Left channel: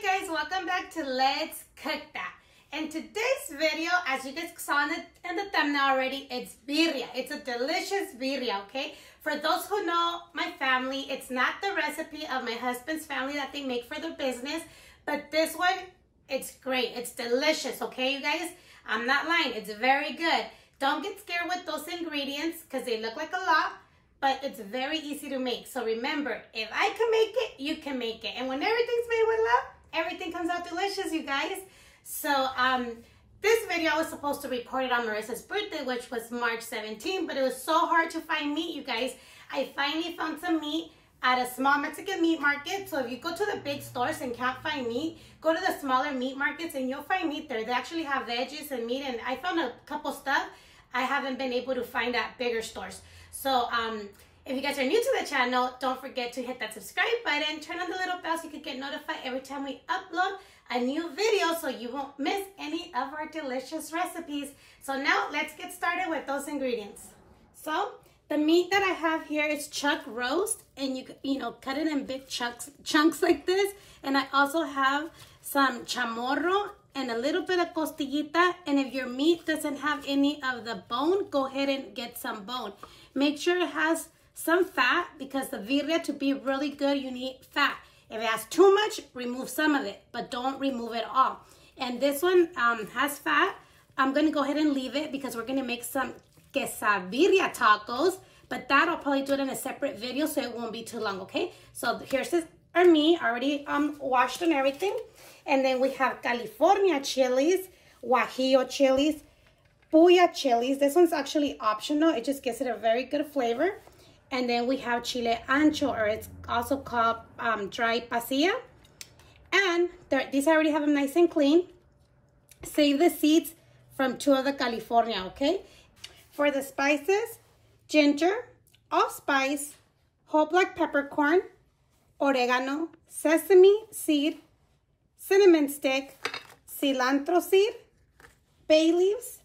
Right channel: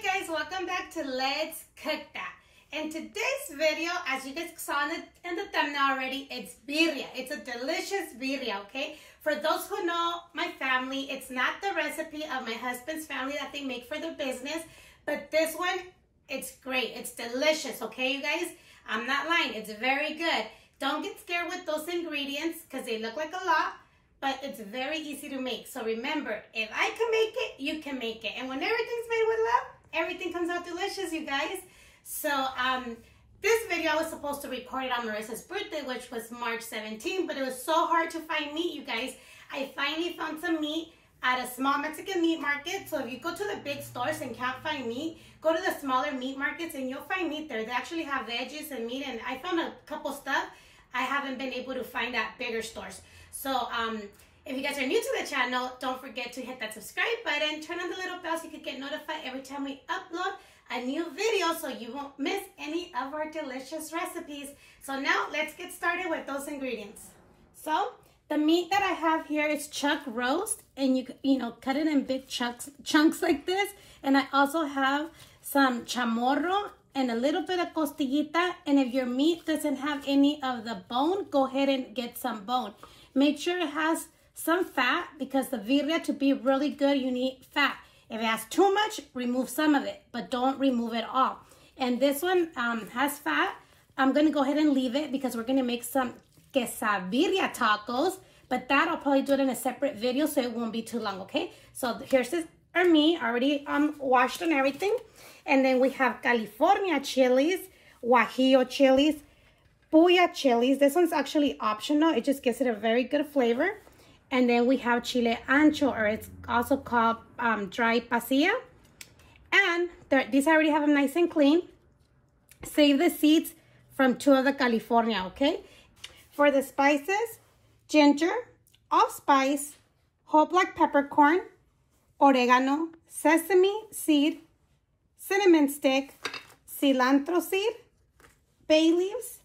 Hey guys, welcome back to Let's Cook That. And today's video, as you guys saw in the thumbnail already, it's birria. It's a delicious birria, okay? For those who know my family, it's not the recipe of my husband's family that they make for their business, but this one, it's great. It's delicious, okay, you guys? I'm not lying. It's very good. Don't get scared with those ingredients because they look like a lot, but it's very easy to make. So remember, if I can make it, you can make it. And when everything's made with love, everything comes out delicious, you guys. So this video I was supposed to record it on Marissa's birthday, which was March 17, but it was so hard to find meat, you guys. I finally found some meat at a small Mexican meat market. So if you go to the big stores and can't find meat, go to the smaller meat markets and you'll find meat there. They actually have veggies and meat, and I found a couple stuff I haven't been able to find at bigger stores. So if you guys are new to the channel, don't forget to hit that subscribe button, turn on the little bell so you can get notified every time we upload a new video so you won't miss any of our delicious recipes. So now let's get started with those ingredients. So the meat that I have here is chuck roast, and you know cut it in big chunks like this. And I also have some chamorro and a little bit of costillita. And if your meat doesn't have any of the bone, go ahead and get some bone. Make sure it has some fat, because the birria, to be really good, you need fat. If it has too much, remove some of it, but don't remove it all. And this one has fat. I'm going to go ahead and leave it because we're going to make some quesadilla tacos, but that I'll probably do it in a separate video so it won't be too long, okay? So here's our meat already washed and everything. And then we have California chilies, Guajillo chilies, Puya chilies. This one's actually optional. It just gives it a very good flavor. And then we have chile ancho, or it's also called dry pasilla. And these I already have them nice and clean. Save the seeds from 2 of the California, okay? For the spices, ginger, allspice, whole black peppercorn, oregano, sesame seed, cinnamon stick, cilantro seed, bay leaves,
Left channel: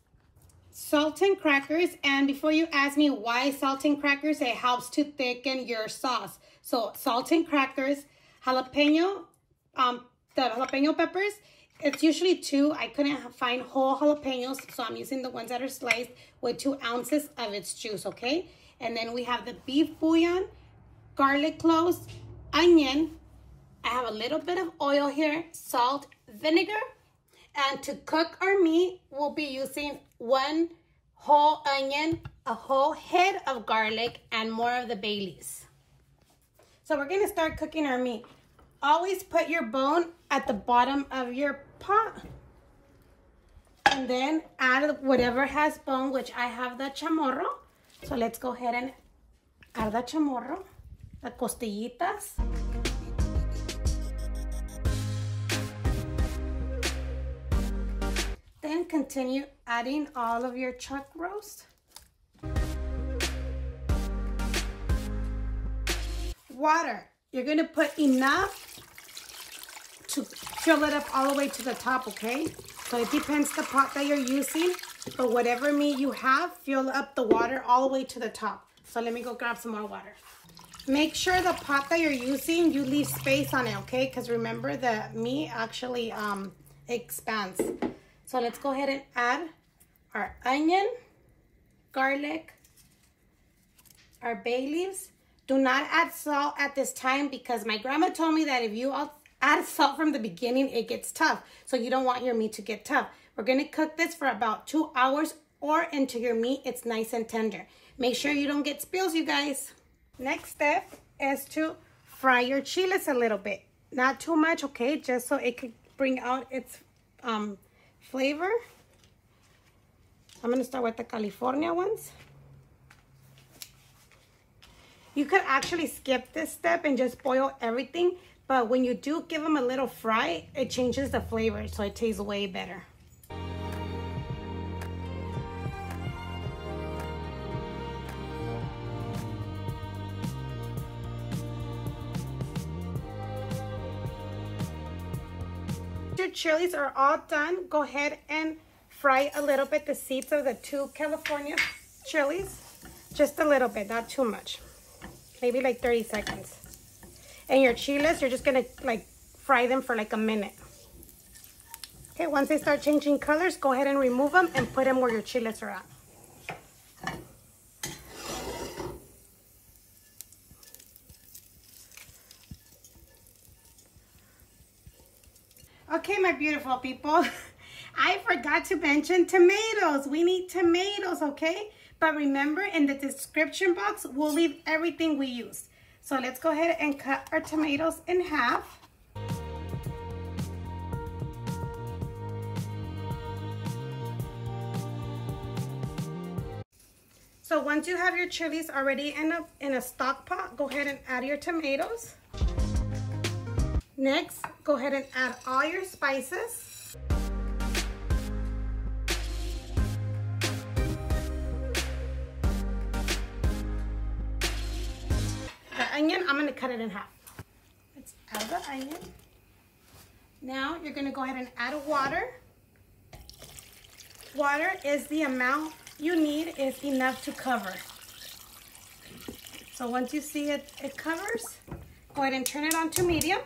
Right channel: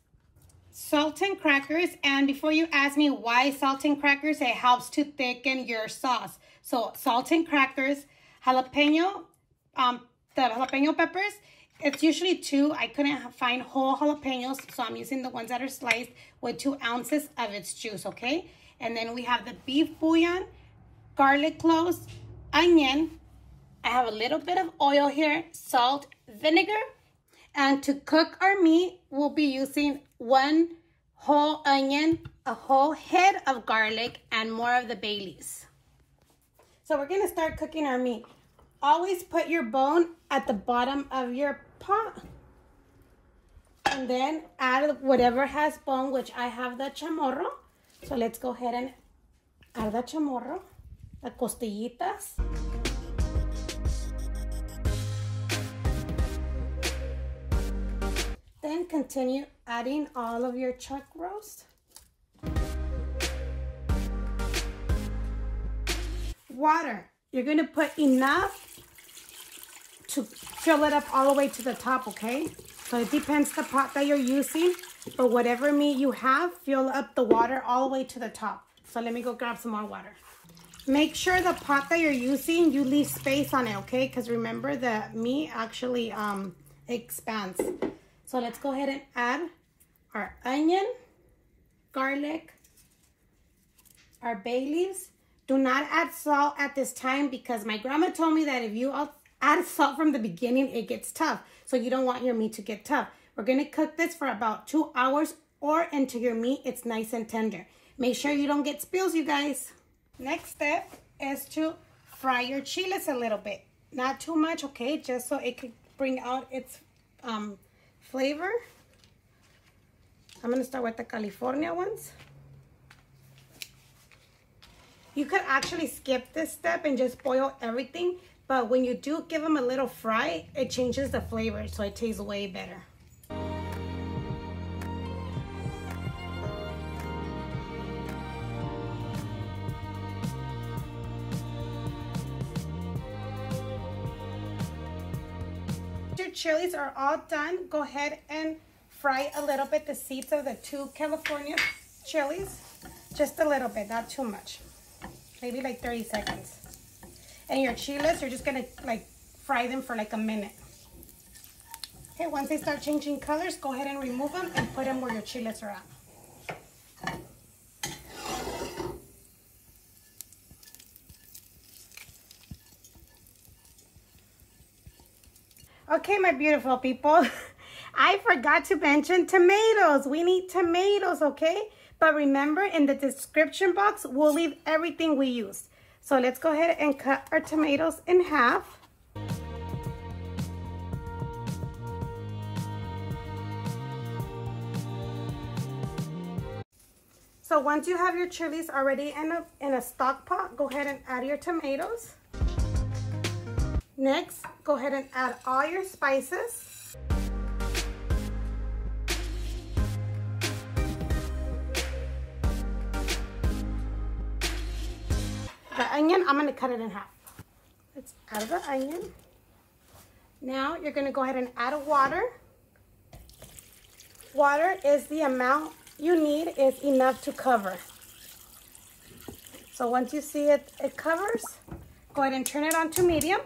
salt and crackers. And before you ask me why salt and crackers, it helps to thicken your sauce. So salt and crackers, jalapeno, the jalapeno peppers, it's usually 2. I couldn't find whole jalapenos, so I'm using the ones that are sliced with 2 ounces of its juice, okay? And then we have the beef bouillon, garlic cloves, onion. I have a little bit of oil here, salt, vinegar. And to cook our meat, we'll be using 1 whole onion, a whole head of garlic, and more of the bay leaves. So we're gonna start cooking our meat. Always put your bone at the bottom of your pot. And then add whatever has bone, which I have the chamorro. So let's go ahead and add the chamorro, the costillitas. Then continue adding all of your chuck roast. Water. You're going to put enough to fill it up all the way to the top, okay? So it depends the pot that you're using, but whatever meat you have, fill up the water all the way to the top. So let me go grab some more water. Make sure the pot that you're using, you leave space on it, okay? Because remember, the meat actually expands. So let's go ahead and add our onion, garlic, our bay leaves. Do not add salt at this time, because my grandma told me that if you add salt from the beginning, it gets tough. So you don't want your meat to get tough. We're going to cook this for about 2 hours, or until your meat it's nice and tender. Make sure you don't get spills, you guys. Next step is to fry your chiles a little bit. Not too much, okay? Just so it could bring out its flavor. I'm going to start with the California ones. You could actually skip this step and just boil everything, but when you do give them a little fry, it changes the flavor, so it tastes way better. Your chilies are all done. Go ahead and fry a little bit the seeds of the 2 California chilies. Just a little bit, not too much. Maybe like 30 seconds. And your chiles, you're just gonna like fry them for like a minute. Okay, once they start changing colors, go ahead and remove them and put them where your chiles are at. Okay, my beautiful people, I forgot to mention tomatoes. We need tomatoes, okay? But remember, in the description box, we'll leave everything we use. So let's go ahead and cut our tomatoes in half. So once you have your chilies already in a stock pot, go ahead and add your tomatoes. Next, go ahead and add all your spices. The onion, I'm going to cut it in half. Let's add the onion. Now you're going to go ahead and add water. Water is the amount you need, is enough to cover. So once you see it covers, go ahead and turn it on to medium.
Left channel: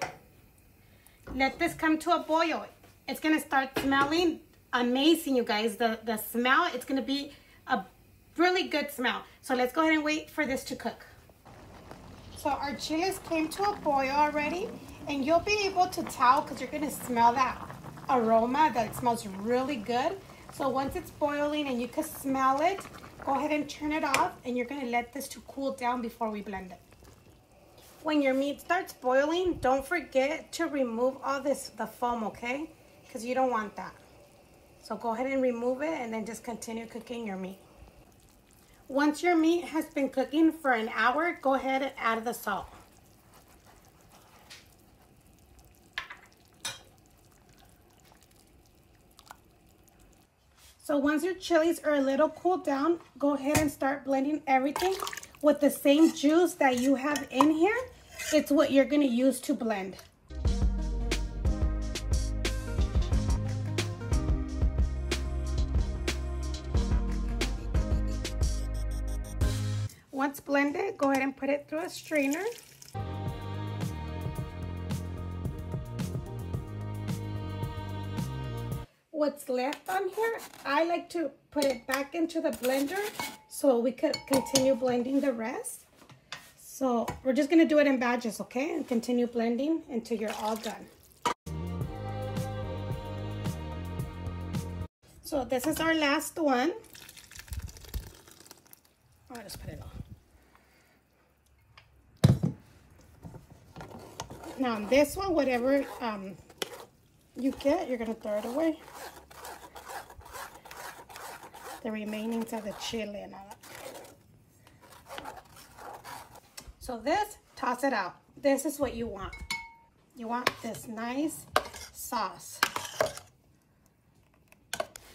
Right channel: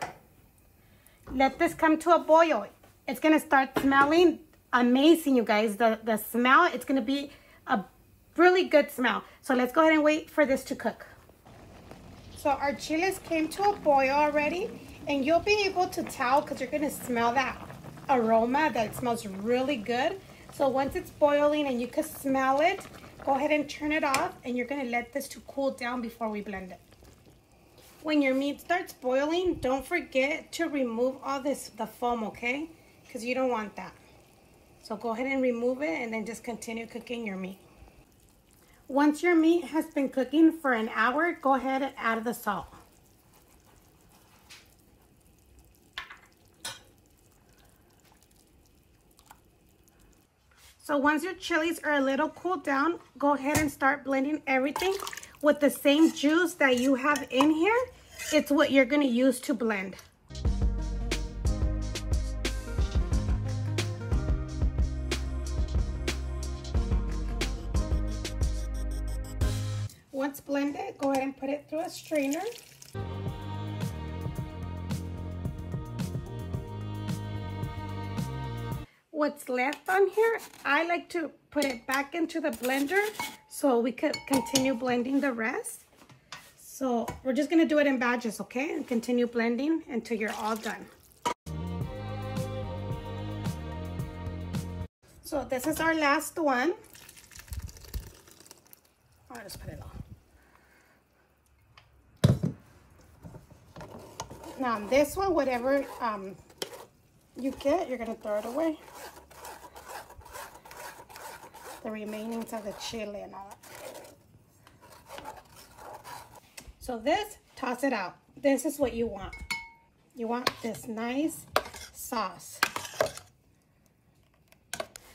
Let this come to a boil. It's gonna start smelling amazing, you guys. The smell, it's gonna be a really good smell. So let's go ahead and wait for this to cook. So our chiles came to a boil already, and you'll be able to tell because you're gonna smell that aroma that it smells really good. So once it's boiling and you can smell it, go ahead and turn it off, and you're gonna let this to cool down before we blend it. When your meat starts boiling, don't forget to remove all the foam, okay? Because you don't want that. So go ahead and remove it and then just continue cooking your meat. Once your meat has been cooking for an hour, go ahead and add the salt. So once your chilies are a little cooled down, go ahead and start blending everything with the same juice that you have in here. It's what you're going to use to blend. Once blended, go ahead and put it through a strainer. What's left on here, I like to put it back into the blender so we could continue blending the rest. So we're just gonna do it in batches, okay? And continue blending until you're all done. So this is our last one. I'll just put it on. Now this one, whatever you get, you're gonna throw it away. The remainings of the chili and all that. So this, toss it out. This is what you want. You want this nice sauce.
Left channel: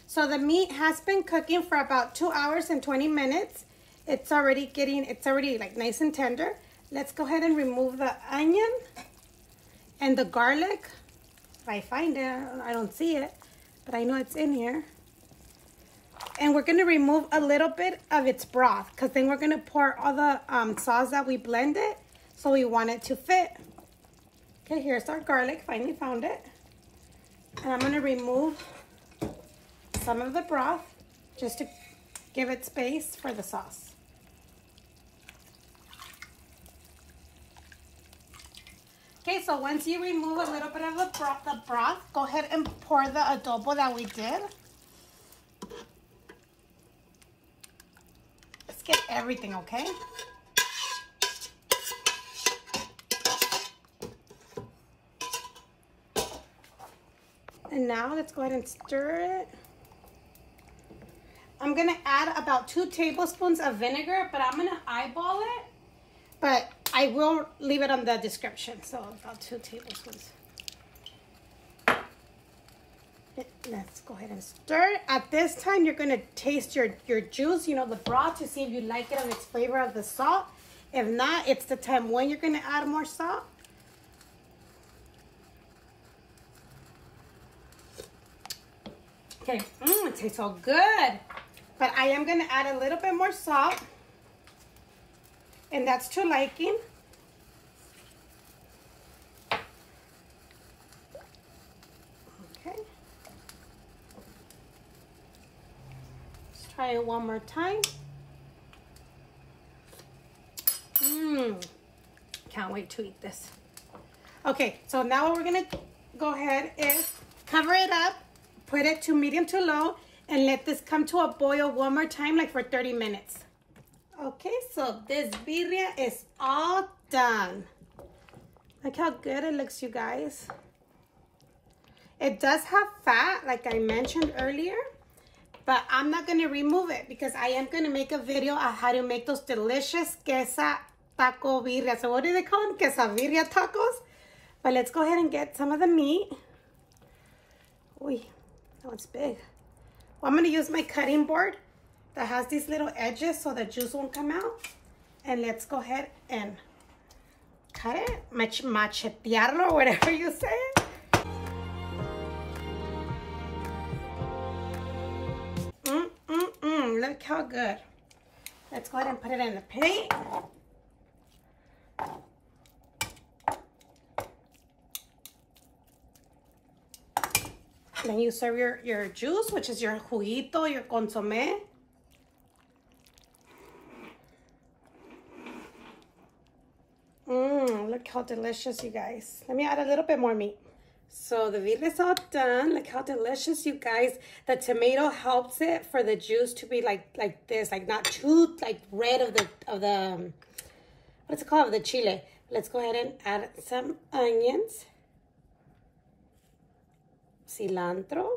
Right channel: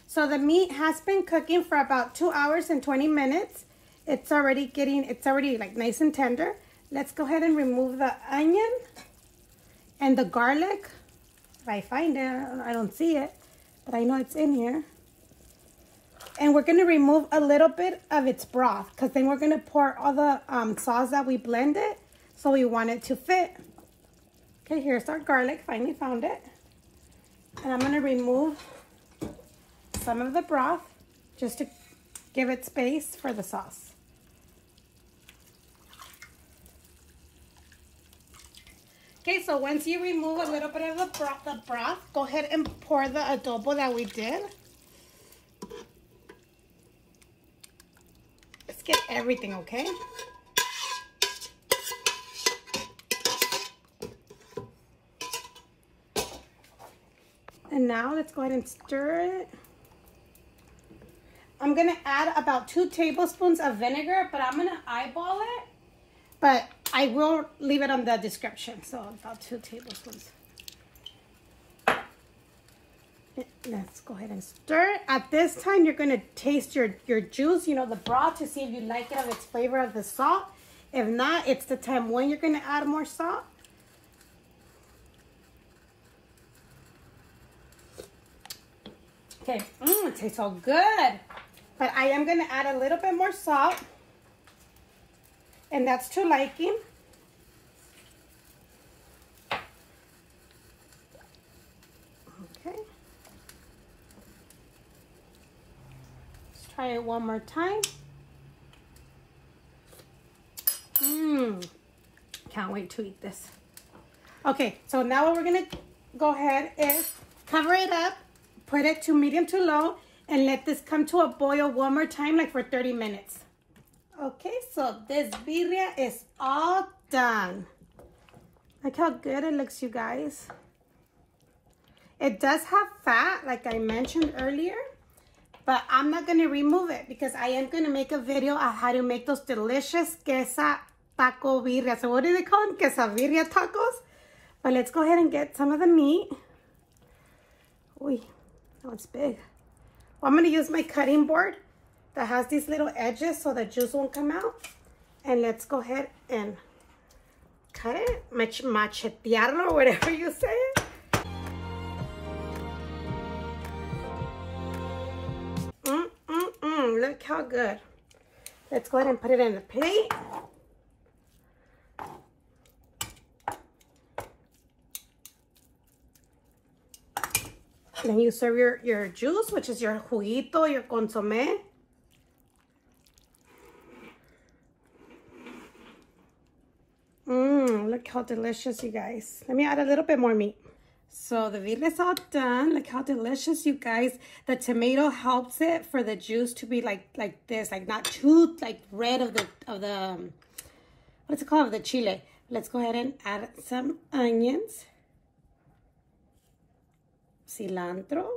So the meat has been cooking for about 2 hours and 20 minutes. It's already like nice and tender. Let's go ahead and remove the onion and the garlic. If I find it, I don't see it, but I know it's in here. And we're going to remove a little bit of its broth because then we're going to pour all the sauce that we blended, so we want it to fit. Okay, here's our garlic. Finally found it. And I'm going to remove some of the broth just to give it space for the sauce. Okay, so once you remove a little bit of the broth, go ahead and pour the adobo that we did. Let's get everything, okay? And now let's go ahead and stir it. I'm gonna add about 2 tablespoons of vinegar, but I'm gonna eyeball it. But I will leave it on the description, so about 2 tablespoons. Let's go ahead and stir. At this time, you're gonna taste your juice, you know, the broth, to see if you like it of its flavor of the salt. If not, it's the time when you're gonna add more salt. Okay, it tastes so good. But I am gonna add a little bit more salt, and that's to liking. try it one more time. Can't wait to eat this. Okay, so now what we're gonna go ahead is cover it up, put it to medium to low, and let this come to a boil one more time, like for 30 minutes. Okay, so this birria is all done. Look how good it looks, you guys. It does have fat, like I mentioned earlier, but I'm not gonna remove it because I am gonna make a video on how to make those delicious queso taco birria. So what do they call them? Quesabirria tacos? But let's go ahead and get some of the meat. Uy, oh, it's big. Well, I'm gonna use my cutting board that has these little edges so the juice won't come out. And let's go ahead and cut it, machetearlo, or whatever you say. Look how good. Let's go ahead and put it in the plate. Then you serve your juice, which is your juguito, your consomé. Look how delicious, you guys. Let me add a little bit more meat. So the birria is all done. Look how delicious, you guys. The tomato helps it for the juice to be like this, like not too like red of the what's it called, of the chile. Let's go ahead and add some onions, cilantro,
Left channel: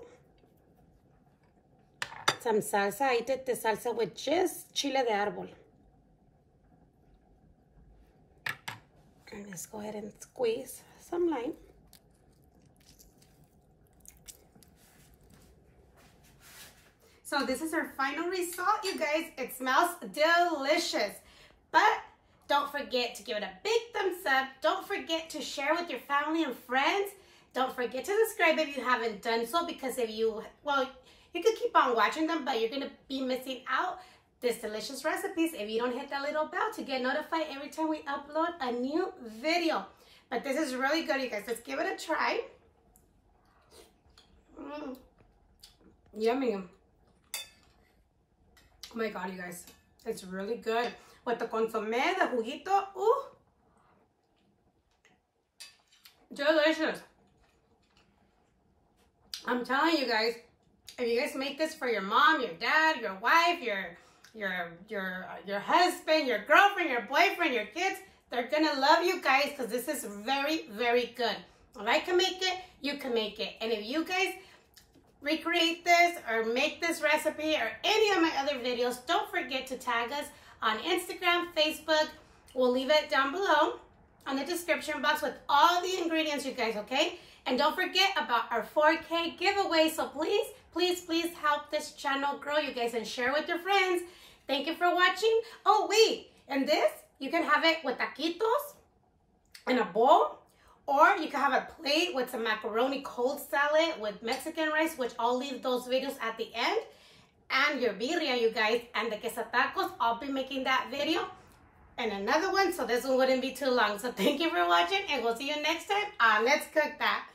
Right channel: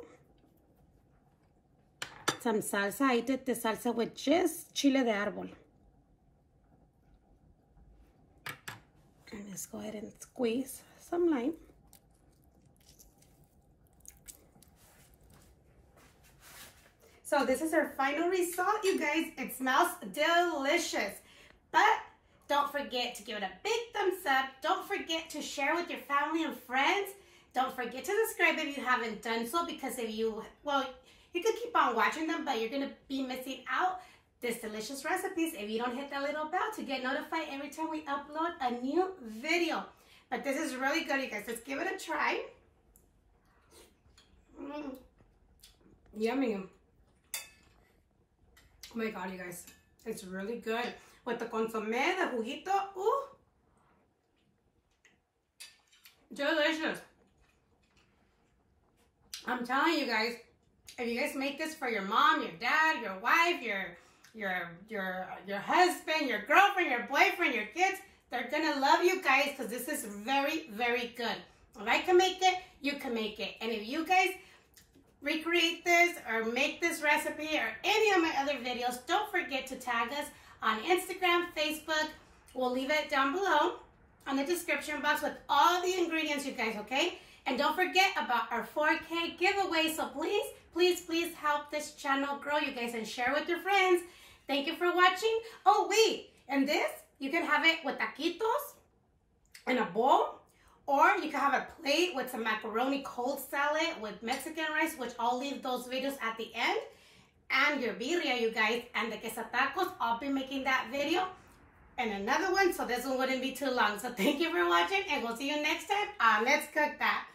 some salsa. I did the salsa with just chile de árbol. And let's go ahead and squeeze some lime. So this is our final result, you guys. It smells delicious. But don't forget to give it a big thumbs up. Don't forget to share with your family and friends. Don't forget to subscribe if you haven't done so, because if you, well, you could keep on watching them, but you're going to be missing out these delicious recipes if you don't hit that little bell to get notified every time we upload a new video. But this is really good, you guys. Let's give it a try. Yummy. Oh my God, you guys. It's really good. With the consomme, the juguito, ooh. Delicious. I'm telling you guys, if you guys make this for your mom, your dad, your wife, your husband, your girlfriend, your boyfriend, your kids, they're gonna love you guys because this is very, very good. If I can make it, you can make it. And if you guys recreate this or make this recipe or any of my other videos, don't forget to tag us on Instagram, Facebook. We'll leave it down below on the description box with all the ingredients, you guys, okay? And don't forget about our 4K giveaway. So please, please, please help this channel grow, you guys, and share with your friends. Thank you for watching. Oh, wait, and this, you can have it with taquitos in a bowl, or you can have a plate with some macaroni cold salad with Mexican rice, which I'll leave those videos at the end. And your birria, you guys, and the queso tacos, I'll be making that video and another one, so this one wouldn't be too long. So thank you for watching, and we'll see you next time on Let's Cook That.